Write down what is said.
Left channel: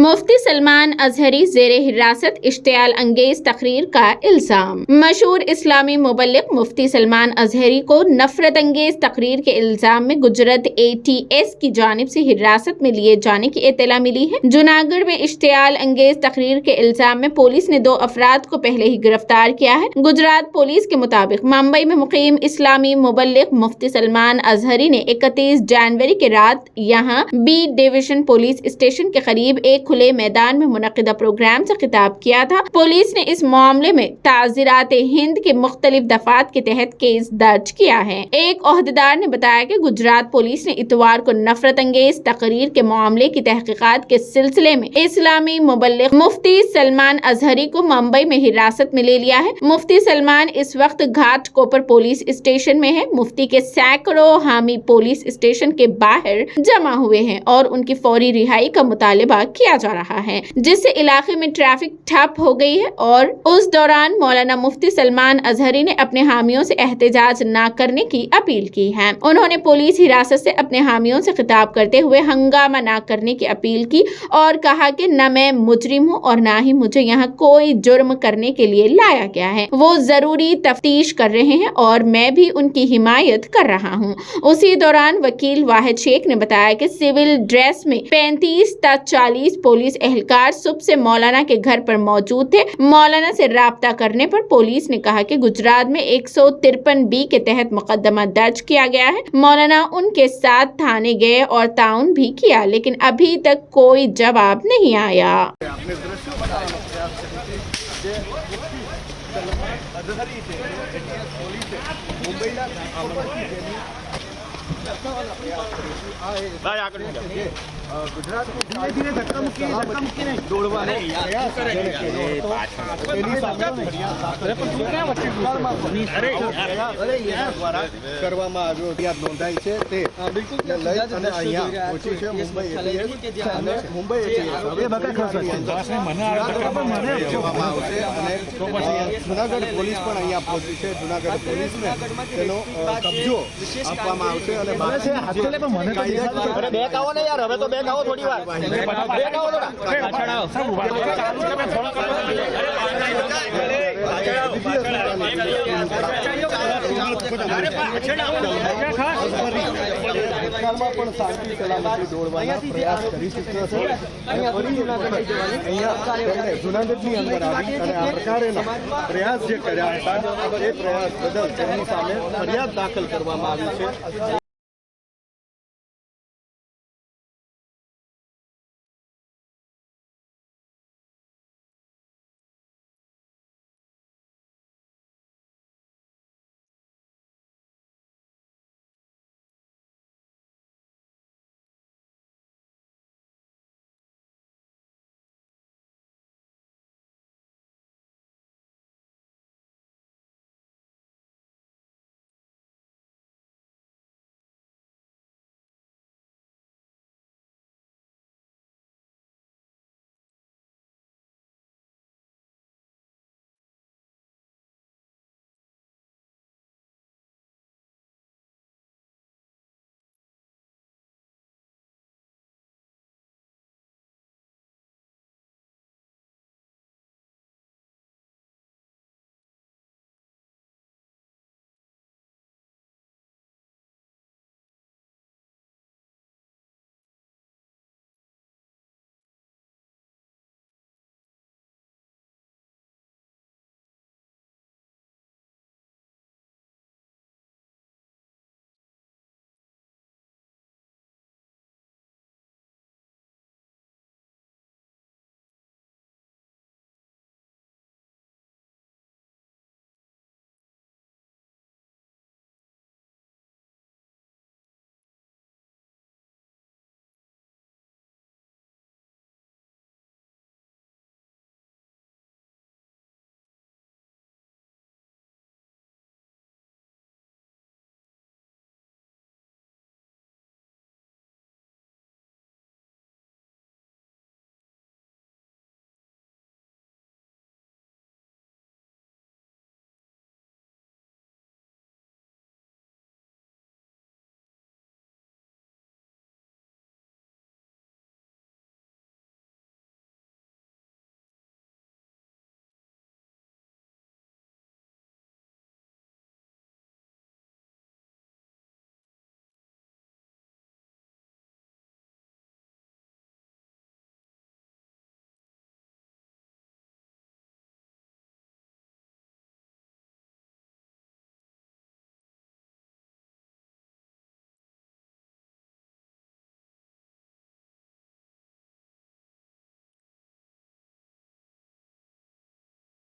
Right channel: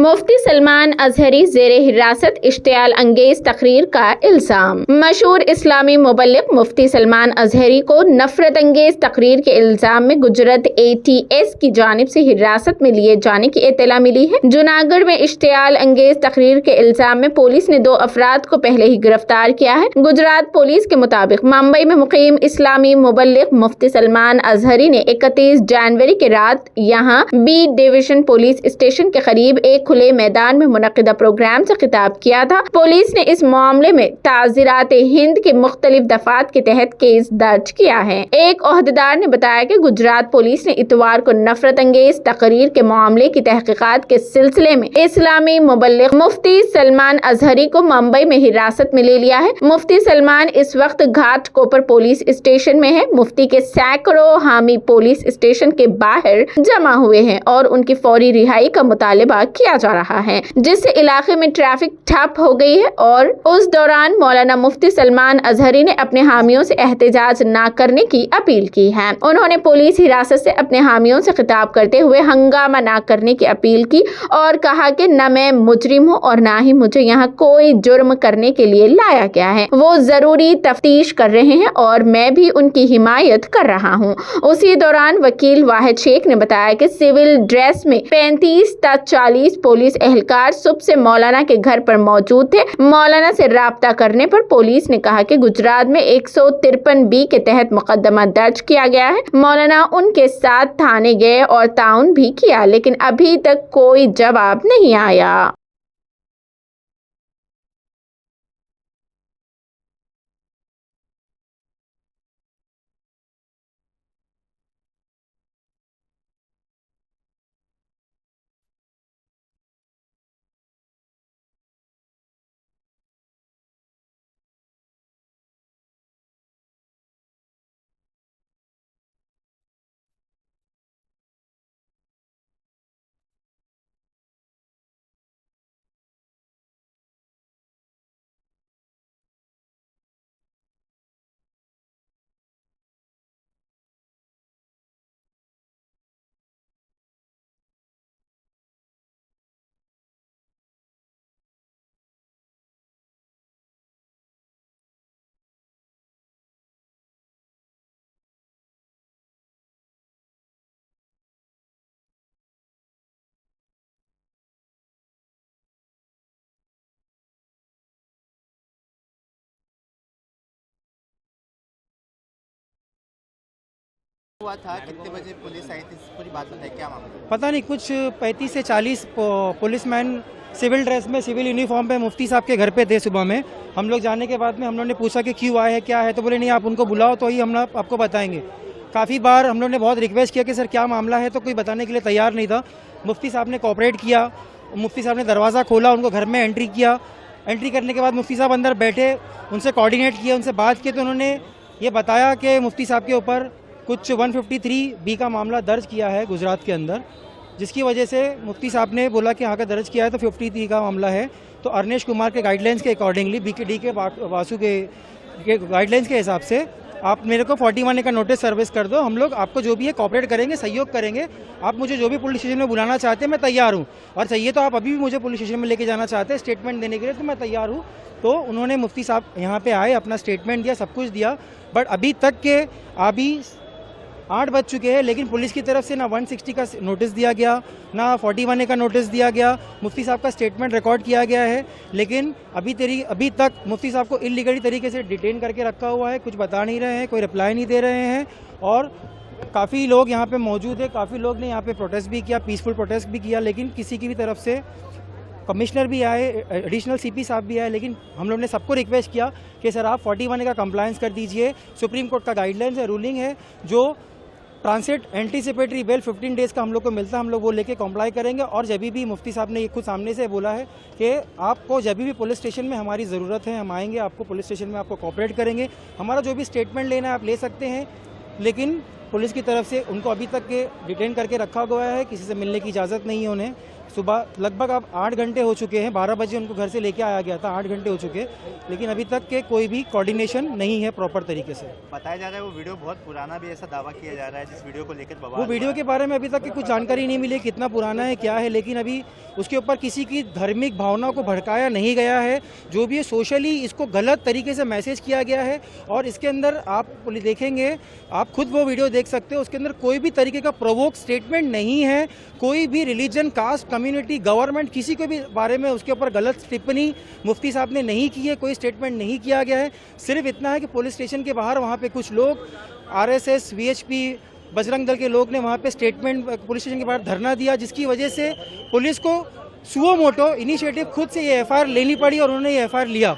मुफ्ती सलमान अजहरी ज़ेरे हिरासत इश्तियाल अंगेज तकरीर का इल्ज़ाम। मशहूर इस्लामी मुबल्लिग मुफ्ती सलमान अजहरी को नफरत अंगेज तकरीर के इल्ज़ाम में गुजरात ATS की जानिब से हिरासत में लिए जाने की इत्तला मिली है। जूनागढ़ में इश्तियाल अंगेज तकरीर के इल्ज़ाम में पुलिस ने 2 अफराद को पहले ही गिरफ्तार किया है। गुजरात पुलिस के मुताबिक मुंबई में मुकीम इस्लामी मुबल्लिग मुफ्ती सलमान अजहरी ने 31 जनवरी की रात यहाँ B डिवीजन पुलिस स्टेशन के करीब एक खुले मैदान में मुनक़िदा प्रोग्राम से खिताब किया था। पुलिस ने इस मामले में ताज़ीरात हिंद के मुख्तलिफ दफात के तहत केस दर्ज किया है। एक ओहदेदार ने बताया कि गुजरात पुलिस ने इतवार को नफरत अंगेज तकरीर के मामले की तहकीकात के सिलसिले में इस्लामी मुबल्लिग मुफ्ती सलमान अजहरी को मुंबई में हिरासत में ले लिया है। मुफ्ती सलमान इस वक्त घाटकोपर पुलिस स्टेशन में है। मुफ्ती के सैकड़ों हामी पुलिस स्टेशन के बाहर जमा हुए हैं और उनकी फौरी रिहाई का मुतालबा किया जा रहा है, जिससे इलाके में ट्रैफिक ठप हो गई है। और उस दौरान मौलाना मुफ्ती सलमान अजहरी ने अपने हामियों से एहतजाज न करने की अपील की है। उन्होंने पुलिस हिरासत से अपने हामियों से खिताब करते हुए हंगामा न करने की अपील की और कहा कि न मैं मुजरिम हूँ और न ही मुझे यहाँ कोई जुर्म करने के लिए लाया गया है। वो जरूरी तफ्तीश कर रहे हैं और मैं भी उनकी हिमायत कर रहा हूँ। उसी दौरान वकील वाहिद शेख ने बताया कि सिविल ड्रेस में 35 से 40 पुलिस एहलकार सुबह से मौलाना के घर पर मौजूद थे। मौलाना से राब्ता करने पर पुलिस ने कहा कि गुजरात में 153B के तहत मुकदमा दर्ज किया गया है। मौलाना उनके साथ थाने गए और ताउन भी किया, लेकिन अभी तक कोई जवाब नहीं आया। गुजरात धीरे धक्का मुक्की नहीं दौड़વાનો પ્રયાસ કરવામાં આવ્યો, ફરિયાદ નોંધાઈ છે તે લઈ અને અહીંયા પહોંચી છે મુંબઈ ATS અને મુંબઈ ATS હવે આવશે અને જુનાગઢ પોલીસ પણ અહીંયા પહોંચી છે। જુનાગઢ પોલીસને તેનો કબજો આપવામાં આવશે અને બેક આવો ને યાર, હવે તો બેક આવો થોડી વાર, બેક આવો થોડા પાછળ આવો ભૂતકાળમાં પણ શાંતિ સલામતી દોડવાના પ્રયાસ કરી ચૂક્યો છે અને ફરી અહીંયા તેમણે જૂનાગઢની અંદર આવી અને આ પ્રકારેના પ્રયાસ જે કર્યા હતા એ પ્રયાસ બદલ તેમની સામે ફરિયાદ દાખલ કરવામાં આવી છે। हुआ था, कितने बजे पुलिस आई थी, पूरी बात बताइए, क्या मामला? पता नहीं, कुछ 35 से 40 पुलिसमैन सिविल ड्रेस में, सिविल यूनिफॉर्म पे मुफ्ती साहब के घर पे थे। सुबह में हम लोग जाने के बाद में हम लोग ने पूछा कि क्यों आए हैं, क्या है, तो बोले नहीं आप उनको बुलाओ तो ही हम आपको बताएंगे। काफ़ी बार हम लोग ने बहुत रिक्वेस्ट किया कि सर क्या मामला है, तो कोई बताने के लिए तैयार नहीं था। मुफ्ती साहब ने कोऑपरेट किया, मुफ्ती साहब ने दरवाज़ा खोला, उनको घर में एंट्री किया। एंट्री करने के बाद मुफ्ती साहब अंदर बैठे, उनसे कोऑर्डिनेट किया, उनसे बात की, तो उन्होंने ये बताया कि मुफ्ती साहब के ऊपर कुछ 153B का मामला दर्ज किया है गुजरात के अंदर, जिसकी वजह से मुफ्ती साहब ने बोला कि हाँ का दर्ज किया है तो 53 का मामला है। तो अर्नेश कुमार के गाइडलाइंस के अकॉर्डिंगली, BKD के वासु के गाइडलाइंस के हिसाब से आप मेरे को 41A का नोटिस सर्विस कर दो। हम लोग आपको जो भी है कोऑपरेट करेंगे, सहयोग करेंगे। आप मुझे जो भी पुलिस स्टेशन में बुलाना चाहते हैं मैं तैयार हूँ, और चाहिए तो आप अभी भी मुझे पुलिस स्टेशन में लेके जाना चाहते हैं स्टेटमेंट देने के लिए, तो मैं तैयार हूँ। तो उन्होंने मुफ्ती साहब यहाँ पे आए, अपना स्टेटमेंट दिया, सब कुछ दिया। बट अभी तक के अभी 8 बज चुके हैं, लेकिन पुलिस की तरफ से ना 160 का नोटिस दिया गया, ना 41A का नोटिस दिया गया। मुफ्ती साहब का स्टेटमेंट रिकॉर्ड किया गया है, लेकिन अभी तक मुफ्ती साहब को इलीगली तरीके से डिटेन करके रखा हुआ है। कुछ बता नहीं रहे हैं, कोई रिप्लाई नहीं दे रहे हैं। और काफ़ी लोग यहाँ पे मौजूद है, काफ़ी लोग ने यहाँ पे प्रोटेस्ट भी किया, पीसफुल प्रोटेस्ट भी किया, लेकिन किसी की भी तरफ से, कमिश्नर भी आए, एडिशनल CP साहब भी आए, लेकिन हम लोग ने सबको रिक्वेस्ट किया कि सर आप 41A का कंप्लायंस कर दीजिए। सुप्रीम कोर्ट का गाइडलाइंस है, रूलिंग है, जो ट्रांसिट एंटीसिपेटरी बेल 15 डेज़ का हम लोग को मिलता है, हम लोग वो लेके कॉम्प्लाई करेंगे। और जब भी मुफ्ती साहब ने ये खुद सामने से बोला है कि आपको जब भी पुलिस स्टेशन में हमारी ज़रूरत है हम आएंगे, आपको पुलिस स्टेशन में आपको कोऑपरेट करेंगे, हमारा जो भी स्टेटमेंट लेना है आप ले सकते हैं। लेकिन पुलिस की तरफ से उनको अभी तक के डिटेन करके रखा गया है, किसी से मिलने की इजाज़त नहीं है उन्हें। सुबह लगभग अब 8 घंटे हो चुके हैं, 12 बजे उनको घर से लेके आया गया था, 8 घंटे हो चुके, लेकिन अभी तक के कोई भी कोऑर्डिनेशन नहीं है प्रॉपर तरीके से। बताया जा रहा है वो वीडियो बहुत पुराना भी ऐसा दावा किया जा रहा है, जिस वीडियो को लेकर वो बवाल वीडियो के बारे में अभी तक की कुछ जानकारी नहीं मिली, कितना पुराना है क्या है, लेकिन अभी उसके ऊपर किसी की धार्मिक भावना को भड़काया नहीं गया है। जो भी है सोशली इसको गलत तरीके से मैसेज किया गया है, और इसके अंदर आप देखेंगे, आप खुद वो वीडियो देख सकते हो, उसके अंदर कोई भी तरीके का प्रोवोक स्टेटमेंट नहीं है, कोई भी रिलीजन, कास्ट, कम्युनिटी, गवर्नमेंट, किसी के भी बारे में उसके ऊपर गलत टिप्पणी मुफ्ती साहब ने नहीं की है, कोई स्टेटमेंट नहीं किया गया है। सिर्फ इतना है कि पुलिस स्टेशन के बाहर वहाँ पे कुछ लोग RSS, VHP, बजरंग दल के लोग ने वहाँ पे स्टेटमेंट पुलिस स्टेशन के बाहर धरना दिया, जिसकी वजह से पुलिस को सुओ मोटो इनिशिएटिव खुद से ये FIR लेनी पड़ी और उन्होंने ये FIR लिया।